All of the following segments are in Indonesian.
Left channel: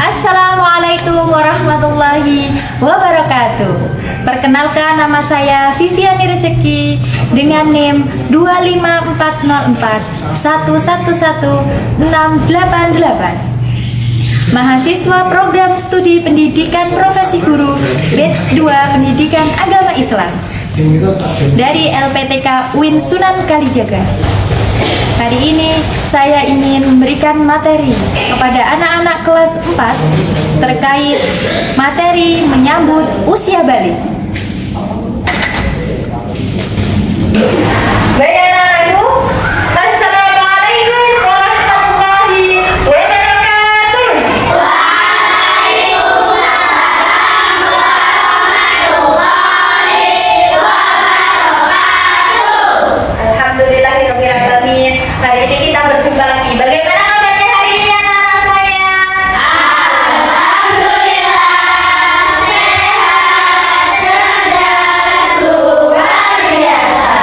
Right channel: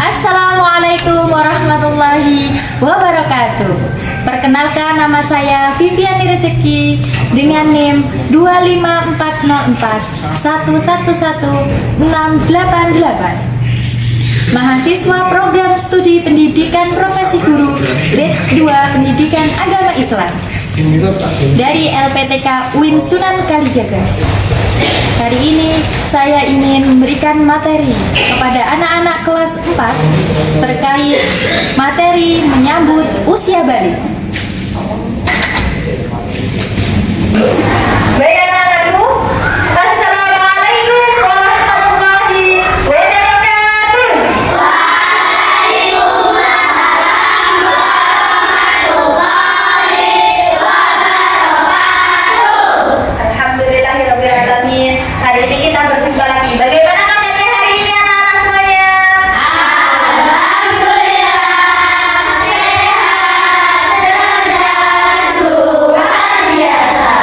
Assalamualaikum warahmatullahi wabarakatuh. Perkenalkan, nama saya Viviani Rezeki dengan NIM 25404111688. Mahasiswa program studi pendidikan profesi guru batch 2 pendidikan agama Islam dari LPTK UIN Sunan Kalijaga. Hari ini saya ingin memberikan materi kepada anak-anak kelas 4 terkait materi menyambut usia balik. Baik anak-anakku, Assalamualaikum warahmatullahi wabarakatuh. Waalaikumsalam warahmatullahi wabarakatuh. Alhamdulillahirrahmanirrahim. Hari ini kita berjumpa lagi. Bagaimana kabarnya hari ini anak-anak semuanya? Alhamdulillah, sehat, cerdas, luar biasa.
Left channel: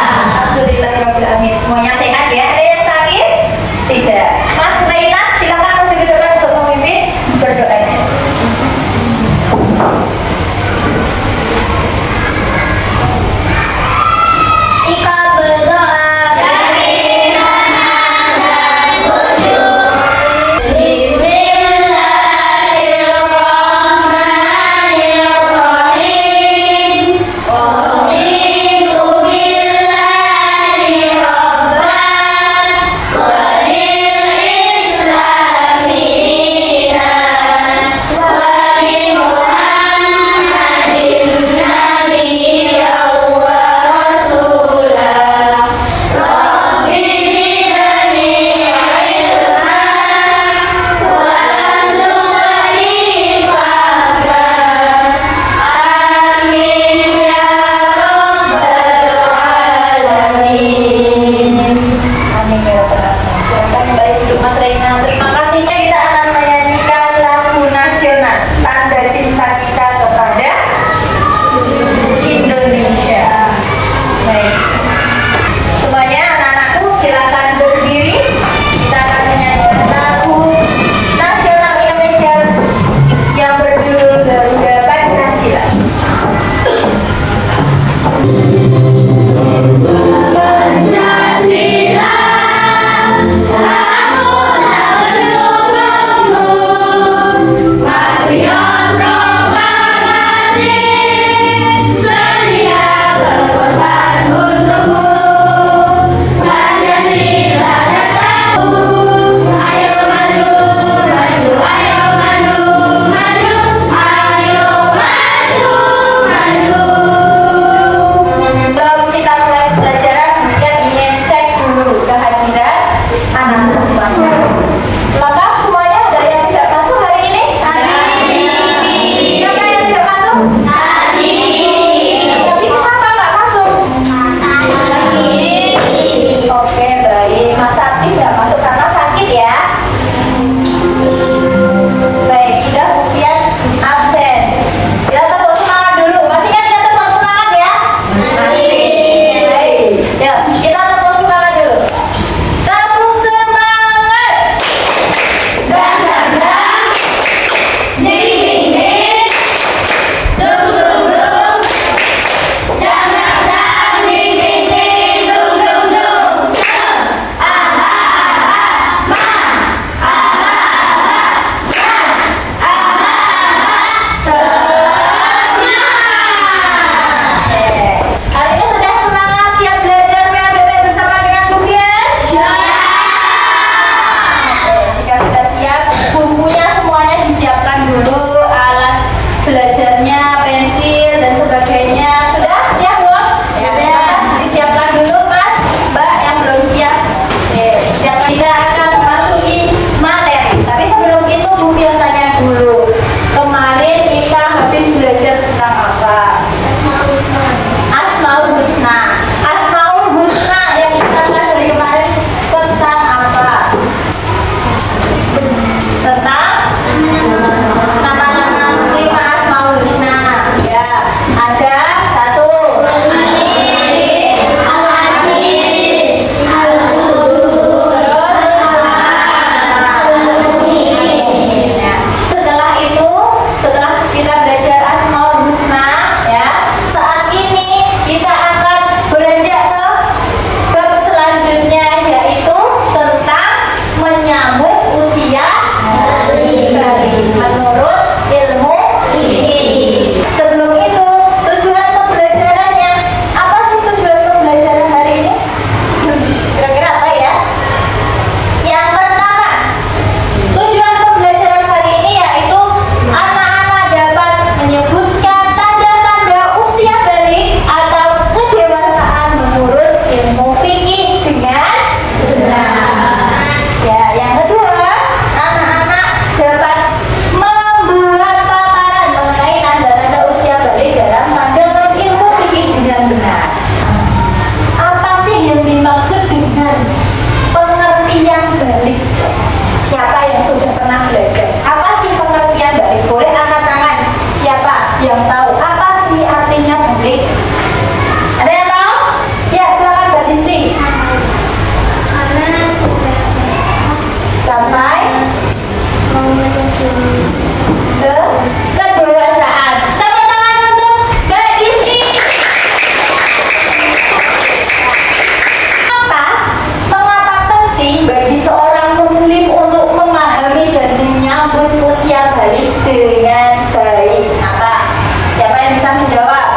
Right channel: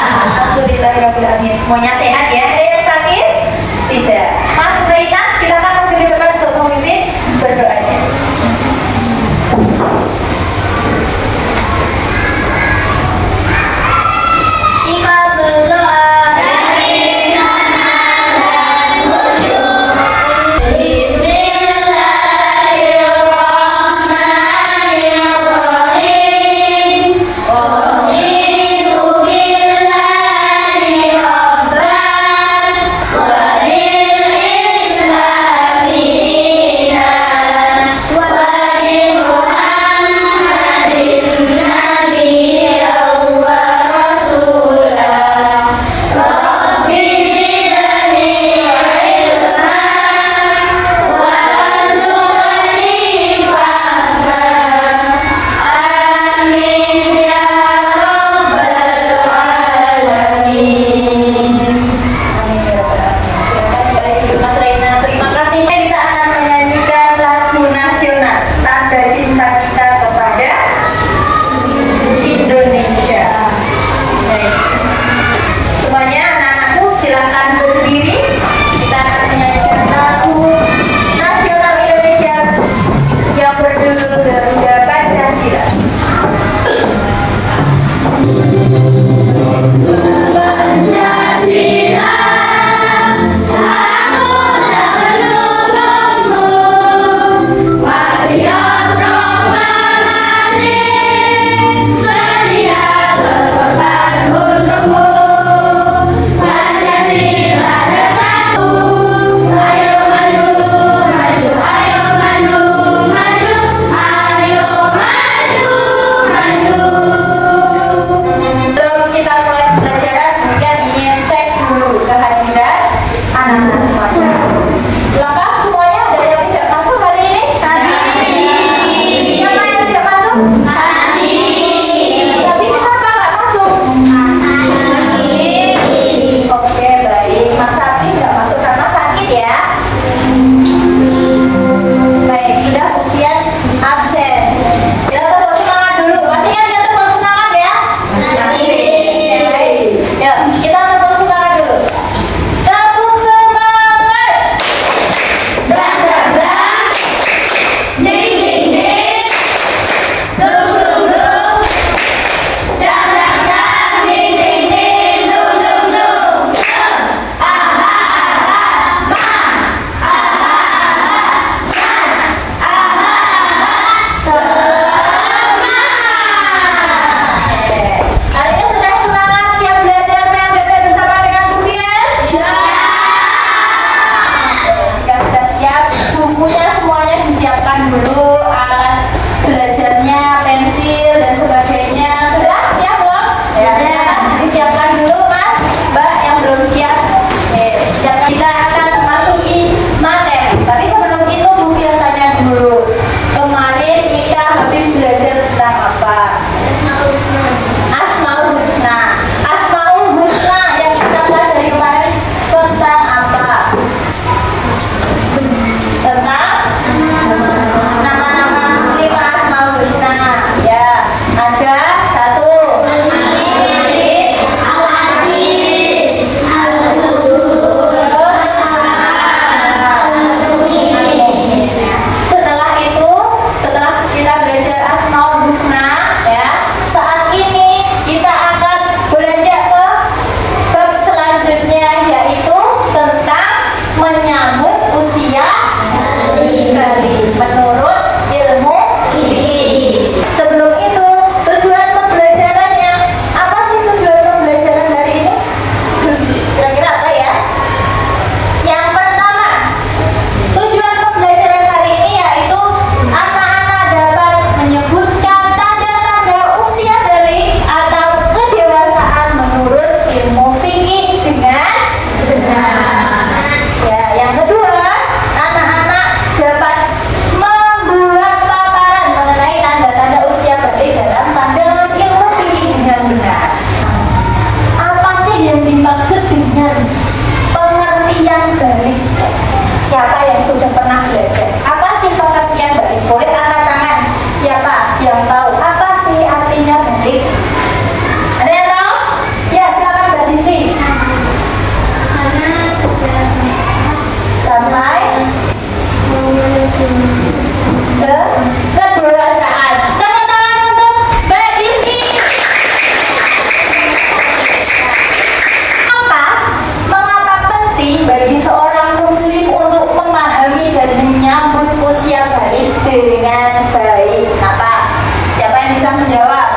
menyambut usia balik dengan baik. Apa? Siapa yang bisa menjawab?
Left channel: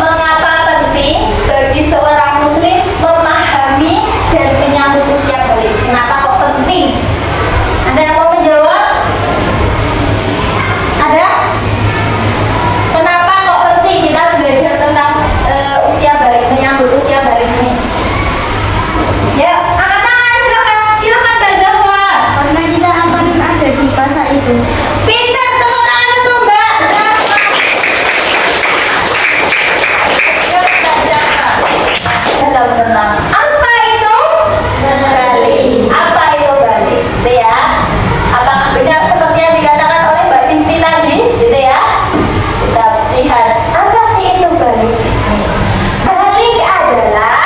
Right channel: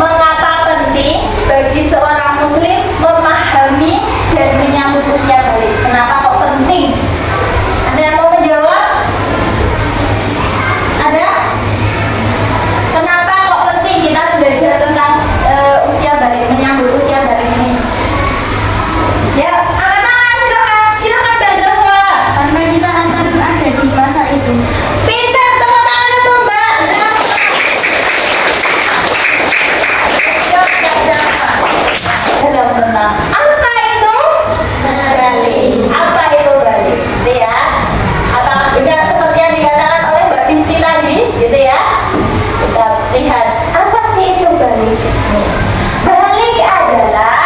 Mengapa penting bagi seorang muslim memahami dan menyambut usia balik? Kenapa kok penting? Ada yang mau menjawab? Ada? Kenapa kok penting kita belajar tentang usia balik, menyambut usia balik ini? Ya, angkat tangan, silakan Mbak Zahwa. Karena kita akan ada di masa itu. Pintar, tepuk tangan untuk Mbak Zahwa. Dalam tentang apa itu balik? Apa itu balik? Gitu ya. Apakah benar seperti yang dikatakan oleh Mbak Disti tadi? Gitu ya. Kita lihat apa sih itu balik? Balik adalah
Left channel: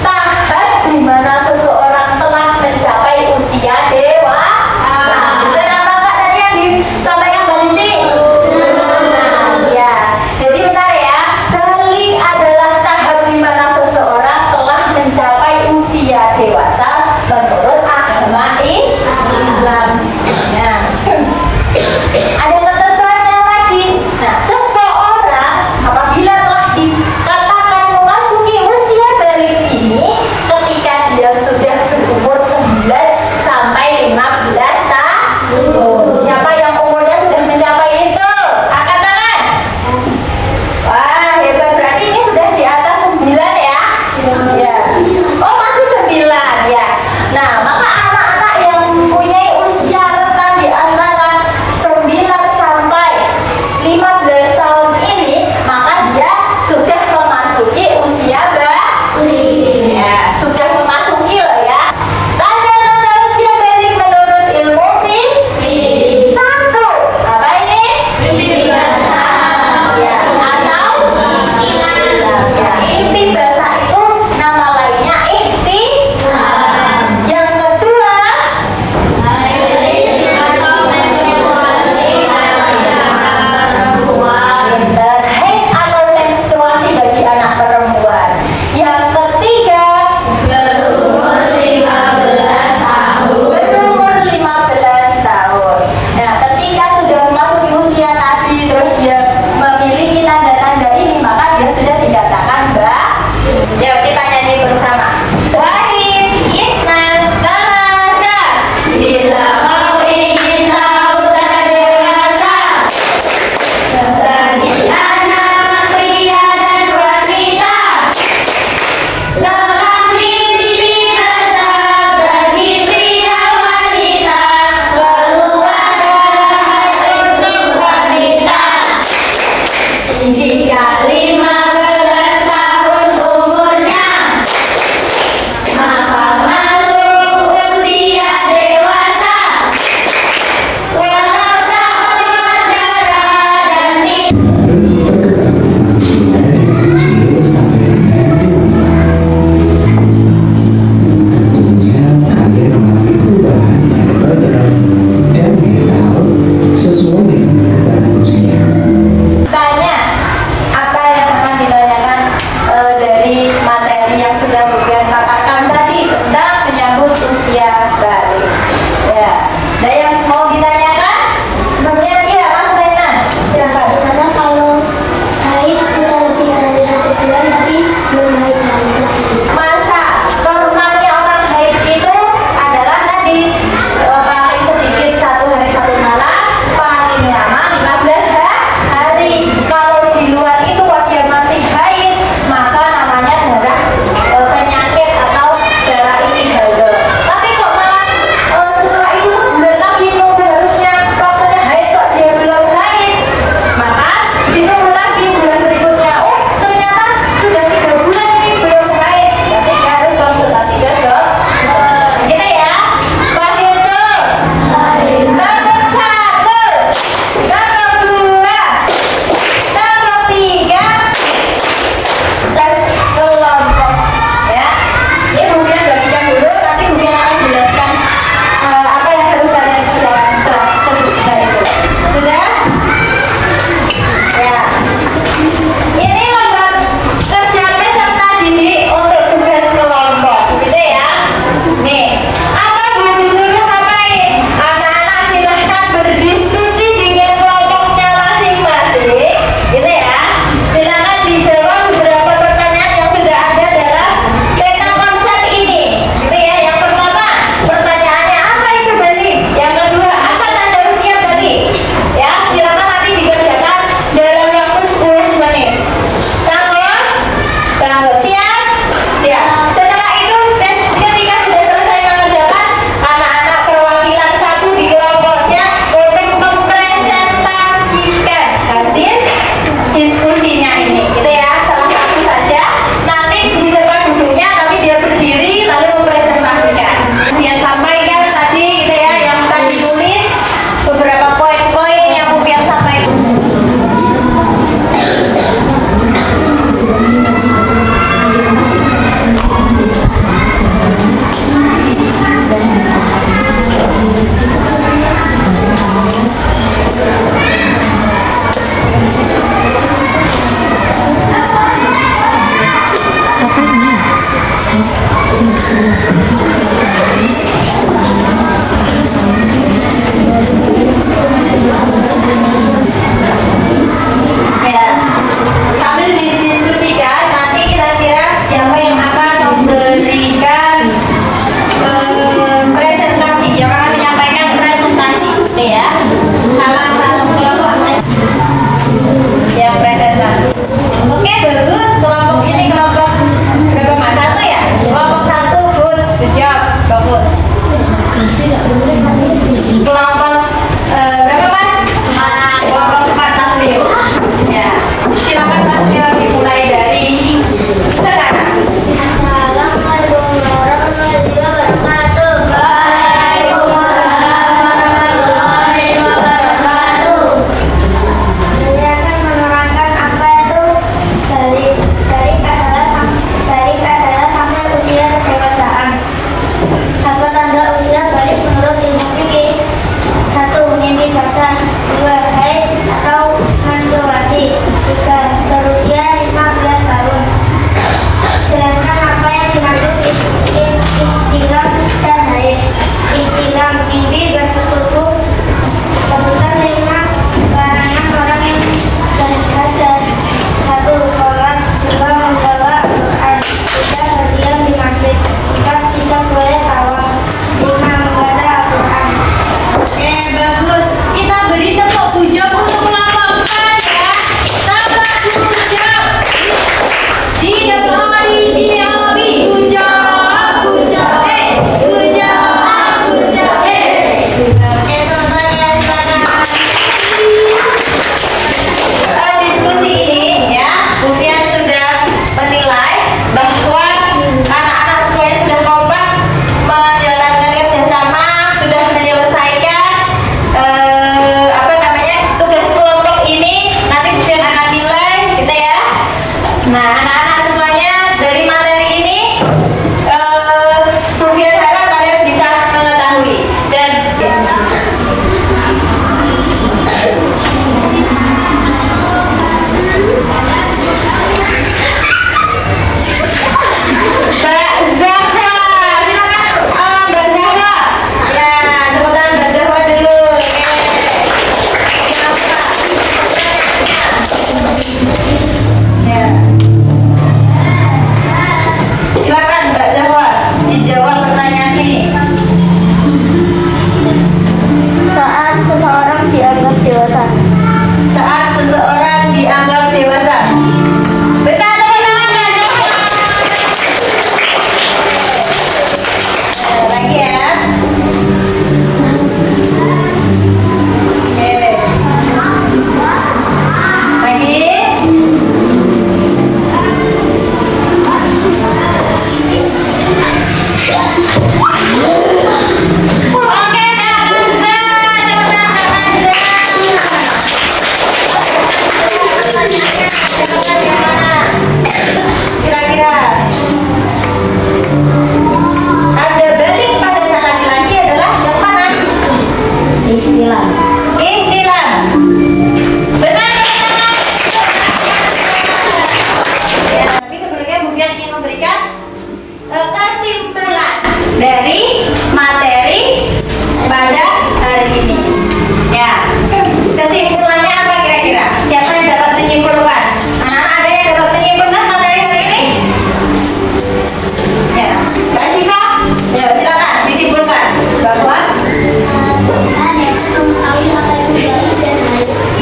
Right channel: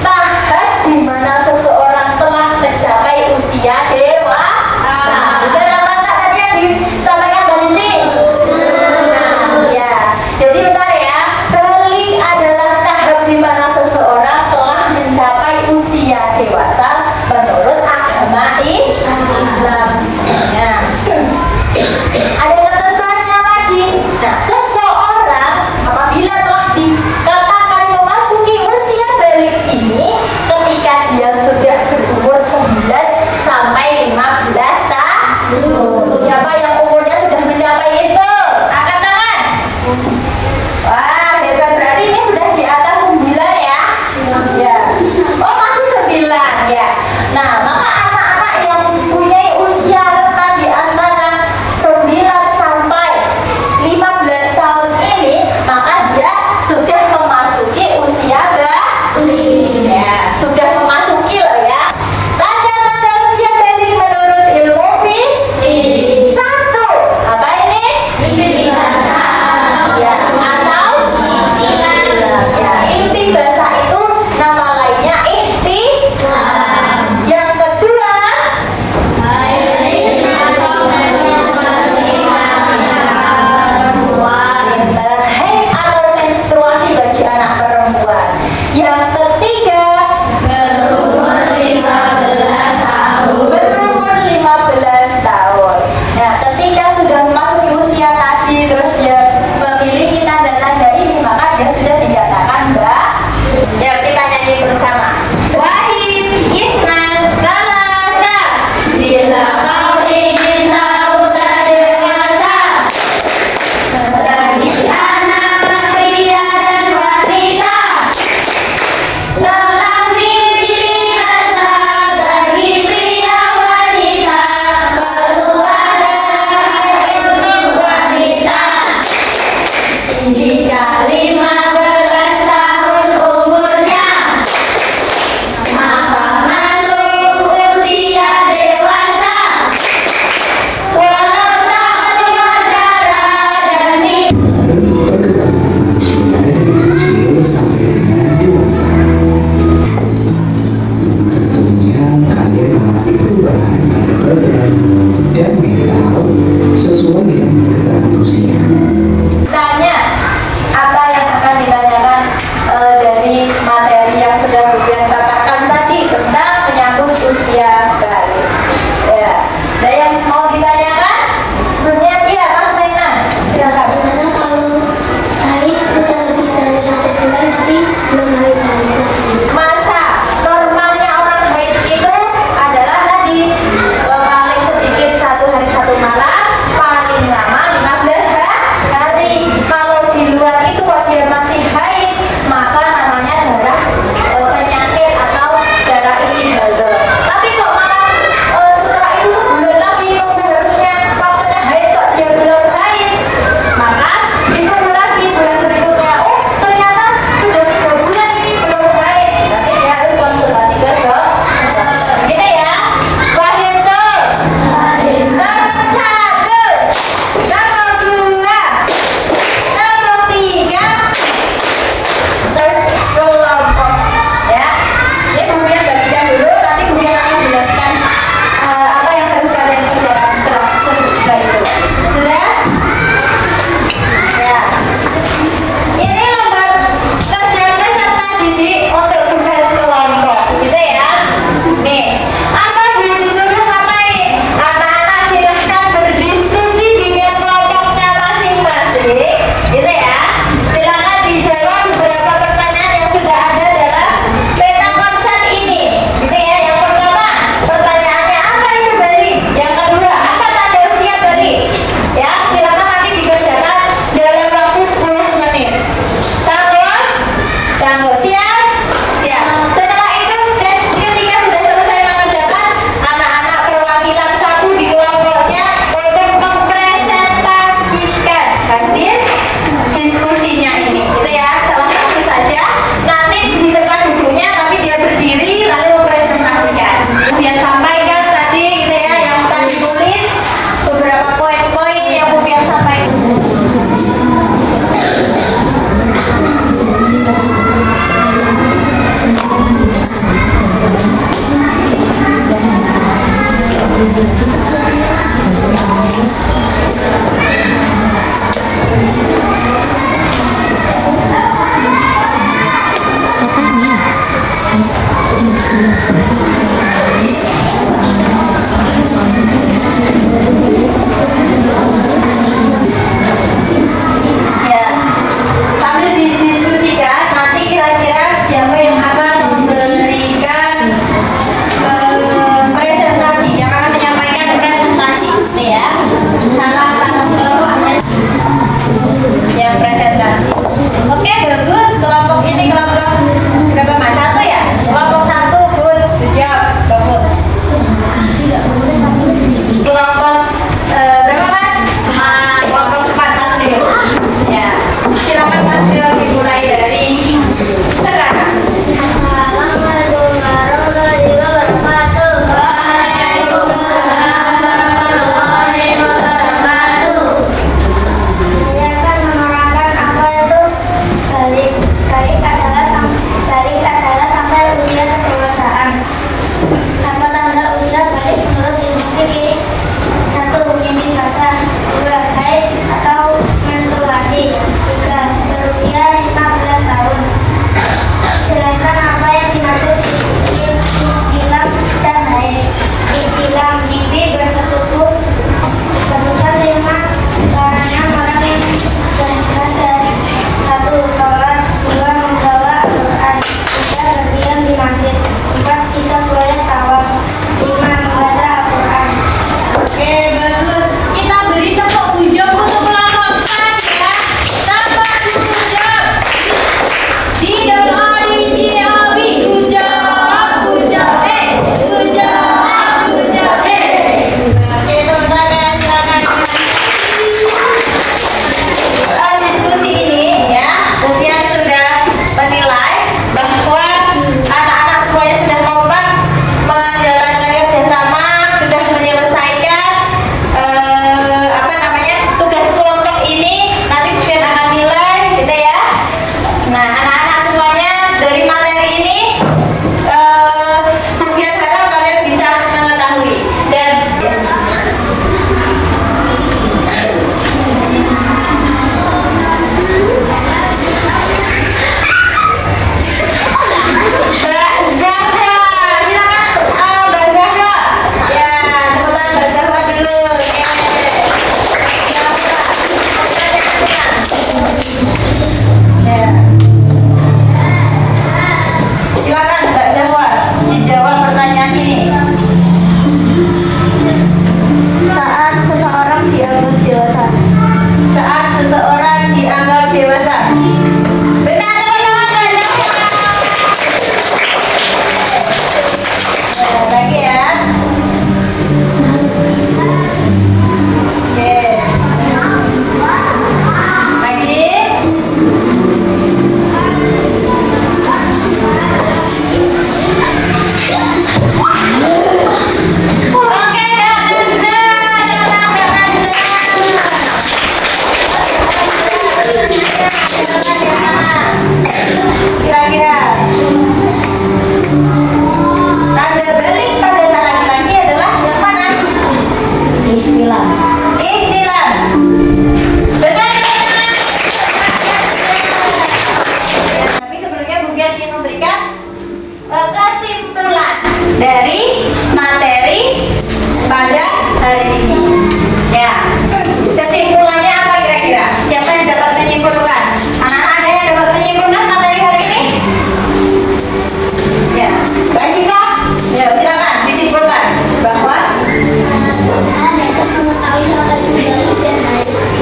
tahap di mana seseorang telah mencapai usia dewasa. Benar apa enggak tadi yang disampaikan Mbak Disti? Ya. Jadi bentar ya. Balik adalah tahap di mana seseorang telah mencapai usia dewasa menurut agama Islam. Nah, ada ketentuannya lagi.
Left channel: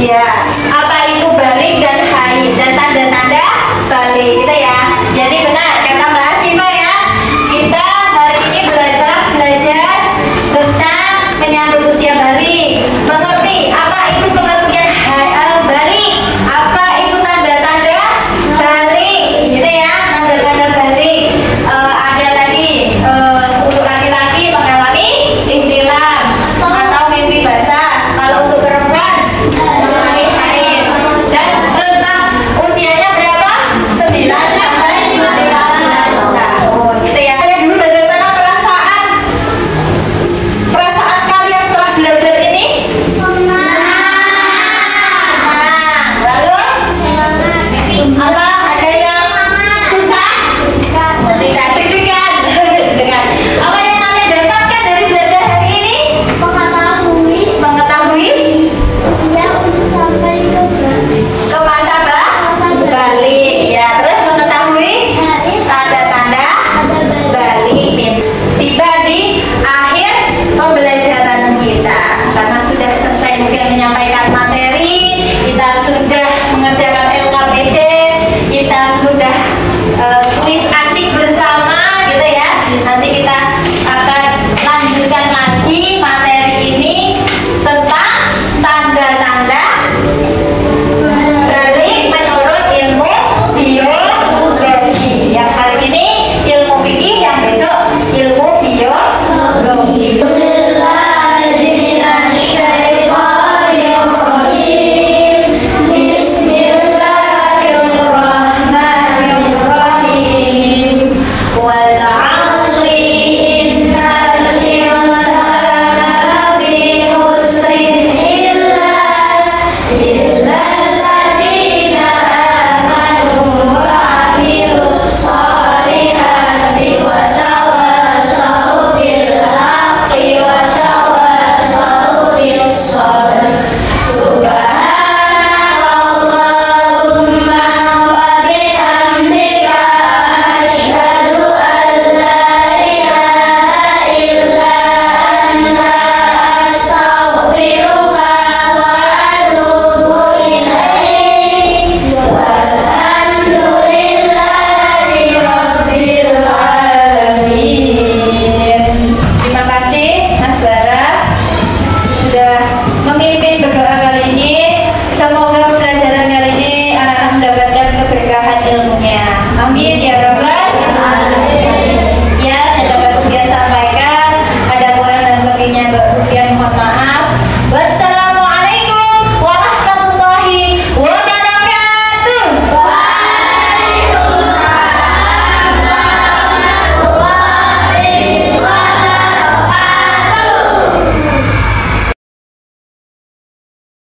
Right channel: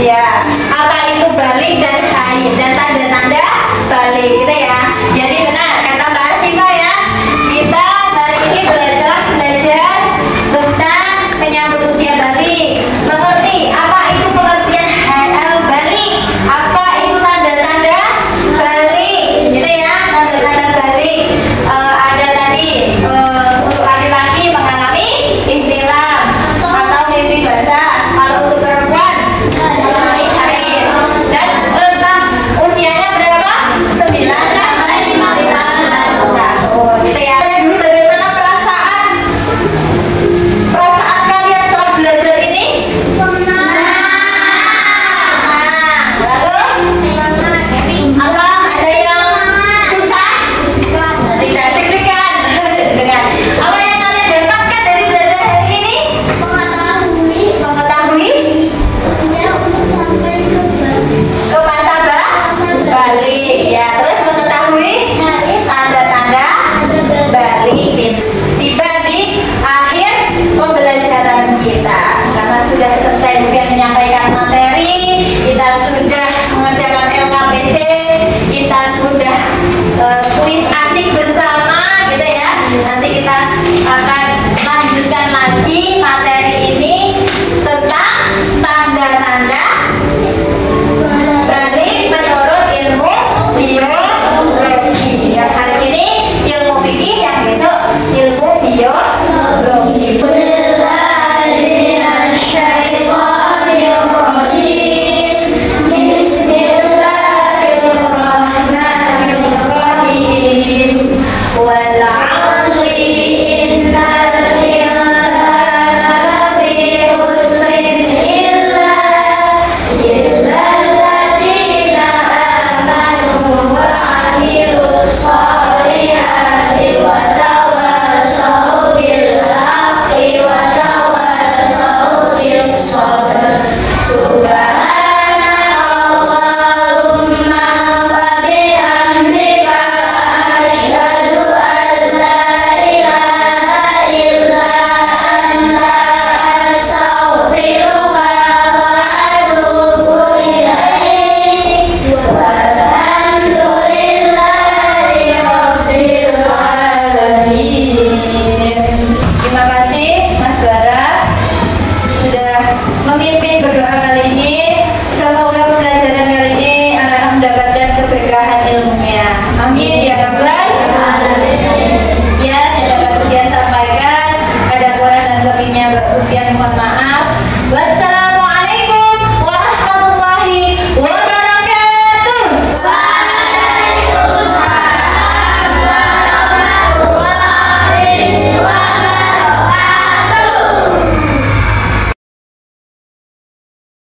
Ya, apa itu balik dan haid dan tanda-tanda balik. Kita